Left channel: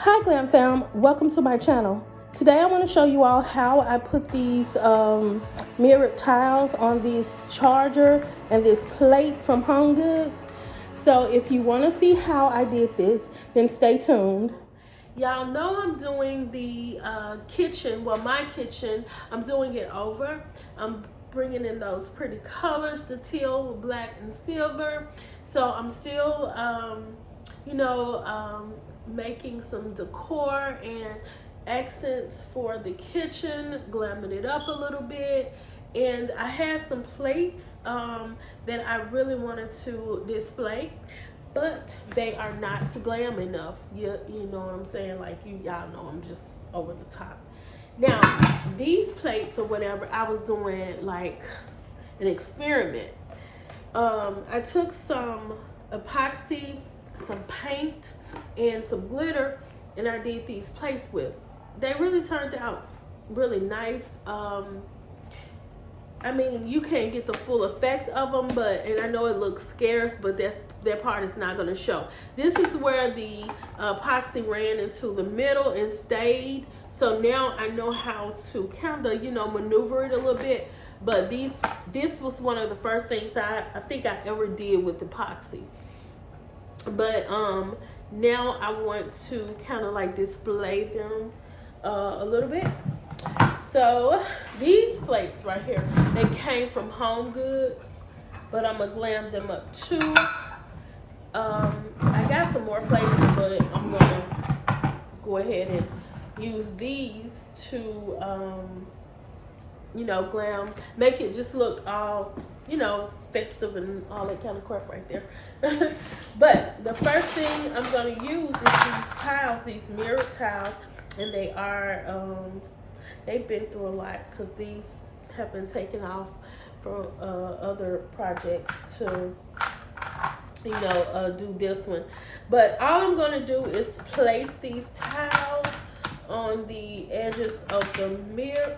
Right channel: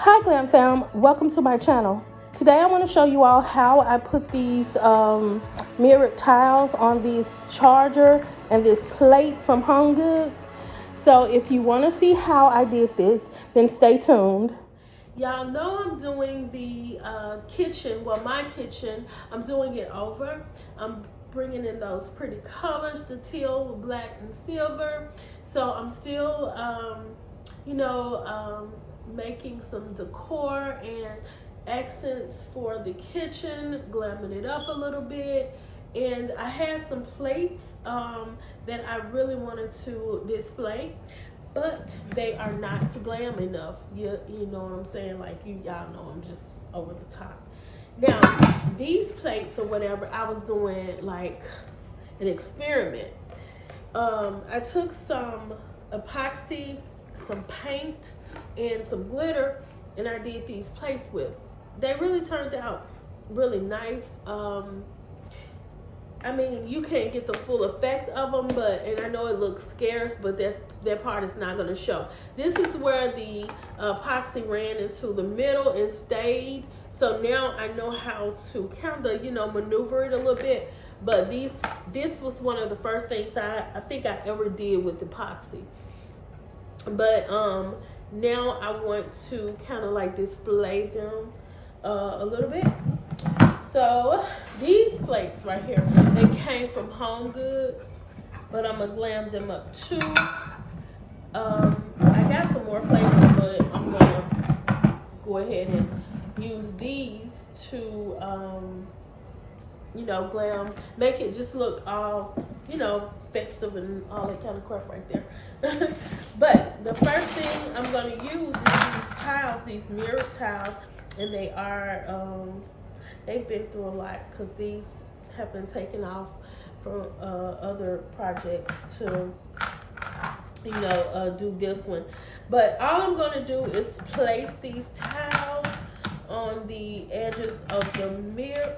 Hi Glam fam, welcome to my channel. Today I want to show you all how I put these mirrored tiles on this charger and this plate from Home Goods. So if you want to see how I did this, then stay tuned. Y'all know I'm doing the kitchen, well my kitchen, I'm doing it over. I'm bringing in those pretty colors, the teal with black and silver. So I'm still, making some decor and accents for the kitchen, glamming it up a little bit. And I had some plates that I really wanted to display, but they are not glam enough. You know what I'm saying? Like y'all know I'm just over the top. Now, these plates or whatever, I was doing like an experiment. I took some epoxy, some paint, and some glitter, and I did these plates with. They really turned out really nice. I mean, you can't get the full effect of them, and I know it looks scarce, but that part is not going to show. This is where the epoxy ran into the middle and stayed. So now I know how to kind of, maneuver it a little bit. But this was one of the first things I think I ever did with epoxy. But now I want to kind of like display them a little bit. So these plates right here, they came from Home Goods, but I'm gonna glam them up too. I got some more plates, but I'm gonna go ahead and use these to glam, make it just look all, festive and all that kind of crap right there. But the first thing I'm going to use is these tiles, these mirrored tiles, and they are, they've been through a lot because these have been taken off for other projects to, do this one. But all I'm going to do is place these tiles on the edges of the mirror,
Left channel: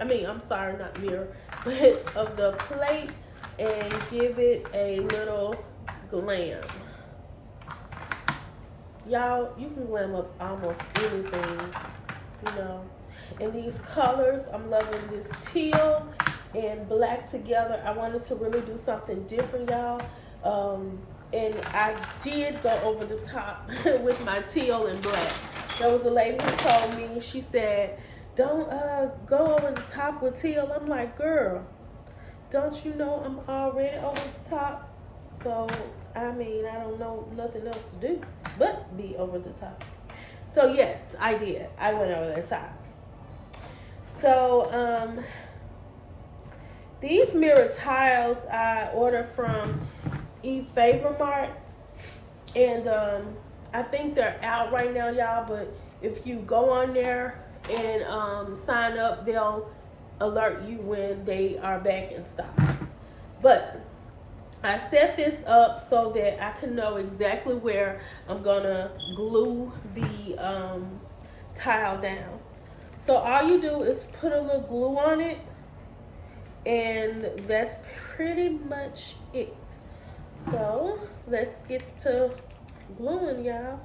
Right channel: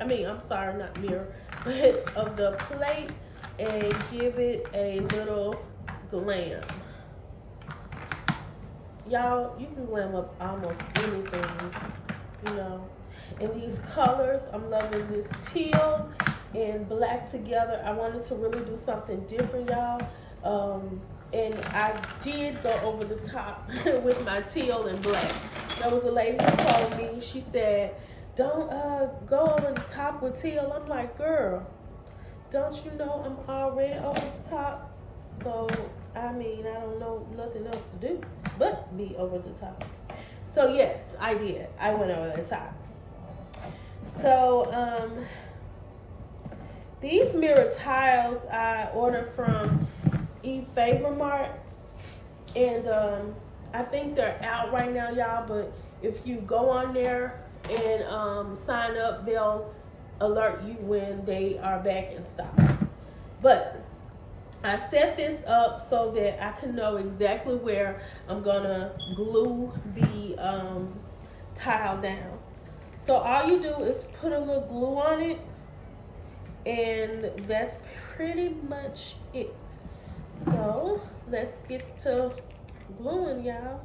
not mirror, but of the plate, and give it a little glam. Y'all, you can glam up almost anything, And these colors, I'm loving this teal and black together. I wanted to really do something different, y'all. And I did go over the top with my teal and black. There was a lady who told me, she said, don't go over the top with teal. I'm like, girl, don't you know I'm already over the top? So, I don't know nothing else to do but be over the top. So yes, I did. I went over the top. So, these mirror tiles I ordered from Favor Mart, and I think they're out right now, y'all, but if you go on there and sign up, they'll alert you when they are back in stock. But I set this up so that I can know exactly where I'm gonna glue the tile down. So all you do is put a little glue on it, and that's pretty much it. So let's get to gluing, y'all.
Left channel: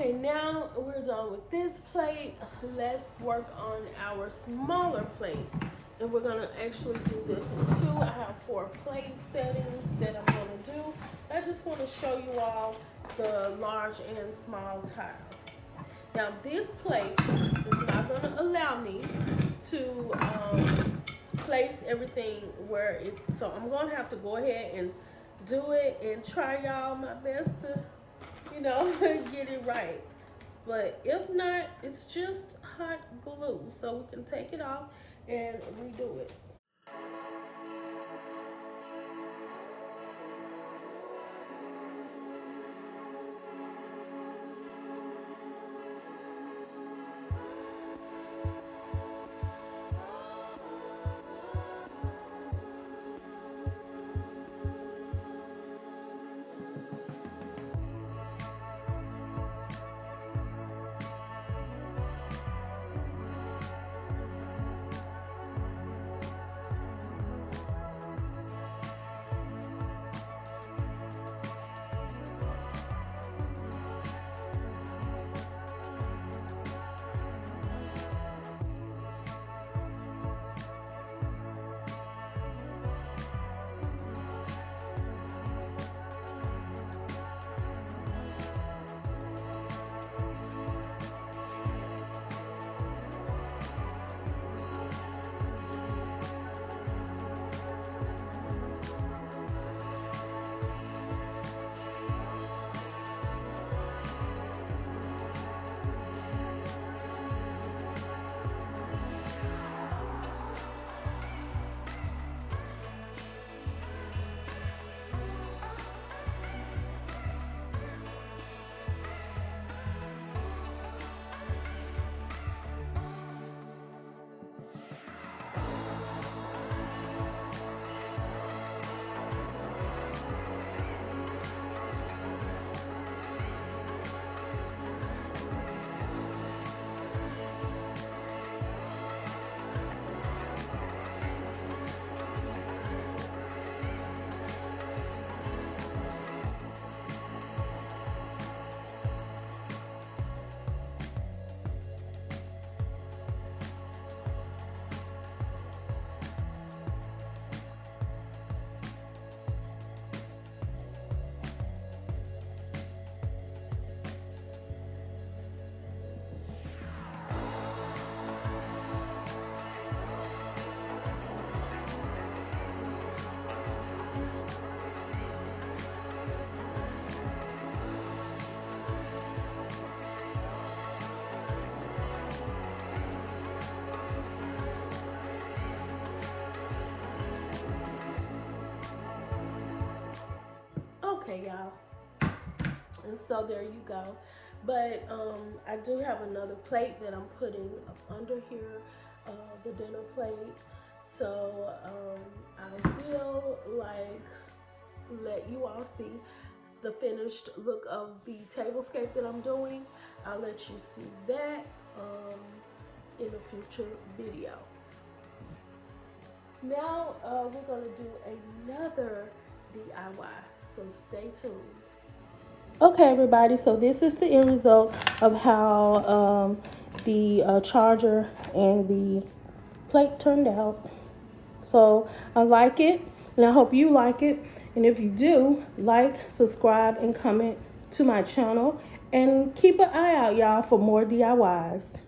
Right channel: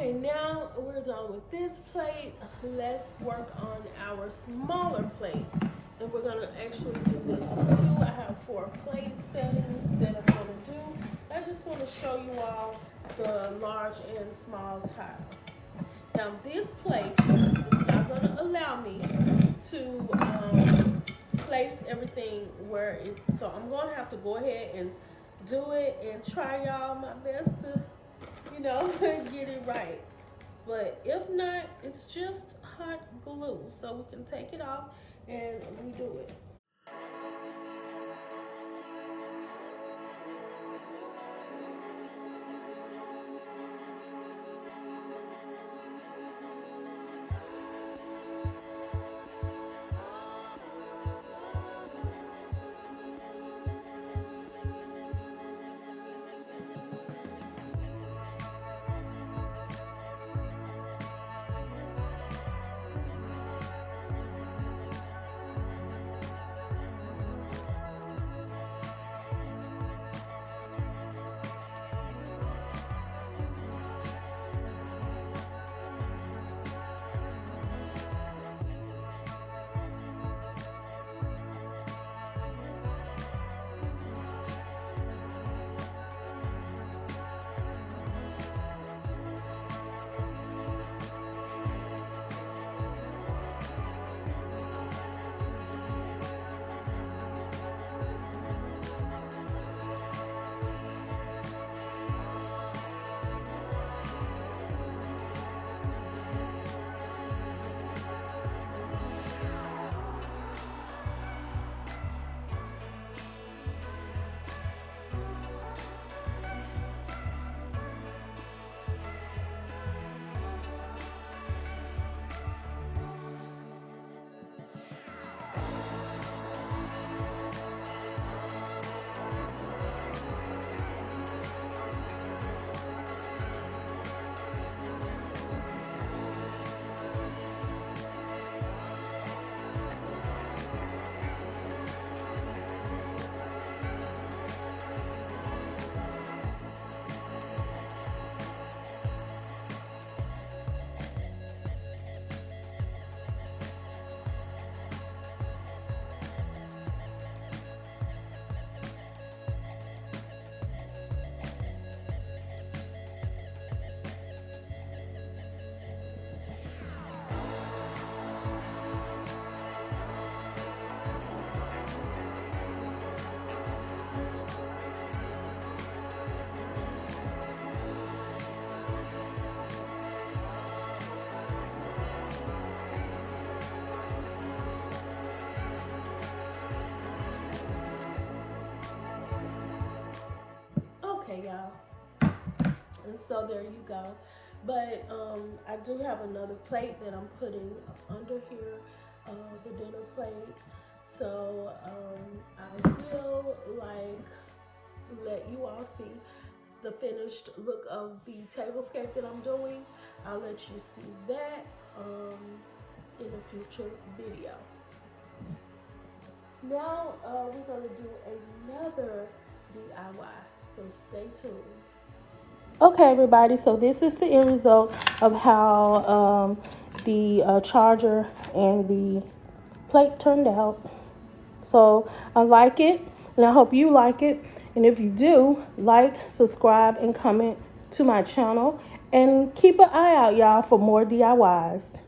Okay, now we're done with this plate. Let's work on our smaller plate. And we're gonna actually do this in two. I have 4 plate settings that I'm gonna do. I just wanna show you all the large and small tiles. Now this plate is not gonna allow me to place everything where it, so I'm gonna have to go ahead and do it and try y'all my best to, you know, get it right. But if not, it's just hot glue. So we can take it off and redo it. Okay, y'all. And so there you go. But I do have another plate that I'm putting under here, the dinner plate. So I will let you all see the finished look of the tablescape that I'm doing. I'll let you see that in a future video. Now we're gonna do another DIY, so stay tuned. Okay, everybody, so this is the end result of how the charger and the plate turned out. So I like it, and I hope you like it. And if you do, like, subscribe, and comment to my channel. And keep an eye out, y'all, for more DIYs.